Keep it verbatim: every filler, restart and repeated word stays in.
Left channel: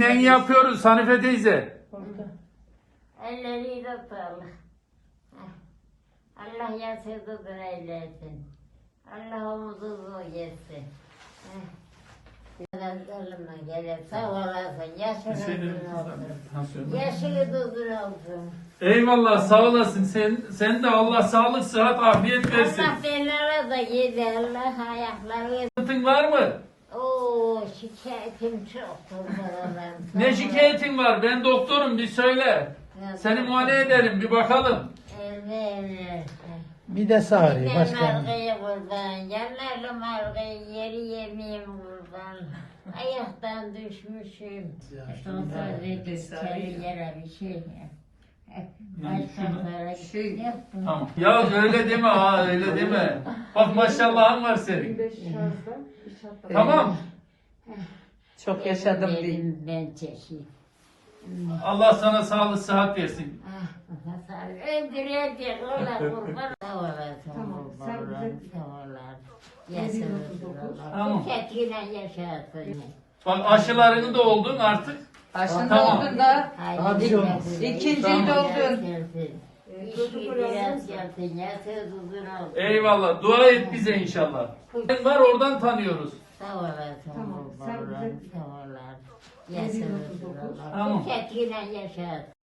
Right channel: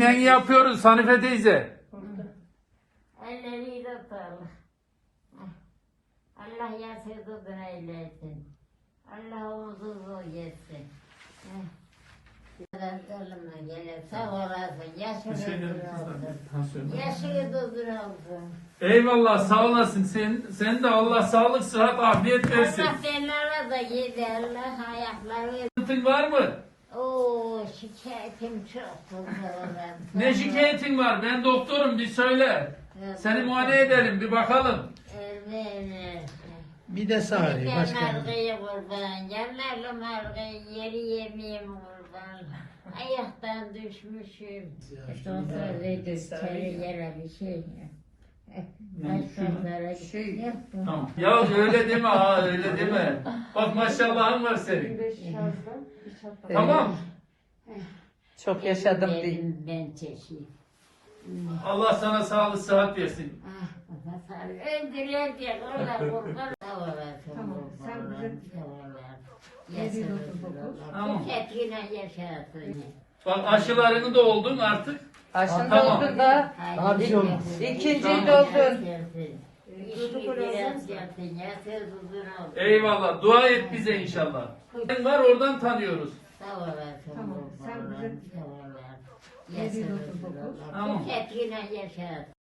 iğneni yapıyoruz Hanife teyze. Elleriyle sağlık. Allah yasırdığını eylesin. Allah umudunuzu yesin. Ölüme gele sağ olasın. Yaşını olsun. Yaşını olsun. Eyvallah sağ olasın. Sen, sen de Allah sağlık, sıhhat, afiyet versin. Allah benlere de yedi. Allah ayakları. Sıkıntın var mı? Oo şikayetim çok. Ne şikayetin var? Ben doktorum, bir söyle. Seni muayene edelim, bir bakalım. Evet. Bir de sağırıyor. Yine Başka. margayı kurban. Yanarlı margayı yeri yemeyeyim kurban. Ayaktan düşmüşüm. Doktor dedi seni yere bir şey. Başkanlara şey yaptım. Tamam. Ya öyle deme ha, öyle deme. Bak maşallahın var senin. Tamam. Çok yaşadım değil. Ben çekeyim. Allah sana sağlık, sıhhat versin. Ah, öldürecek ona kurban. Sağ olasın kurbanlar. Sağ olasın. Yaşasın. Tamam. Bu ketiyle yaşasın. Bak aşılarını da oldun artık. Aşın Tamam. oldu da. Haydi. İkinciyi Tamam. doldun. İşi biraz yapsın. Yaşasın uzun olsun. Eyvallah. Dua et bize inşallah. Sen var oradan tanıyoruz. Sağ olasın kurbanlar. Sağ olasın. Yaşasın. Tamam. Bu ketiyle yaşasın.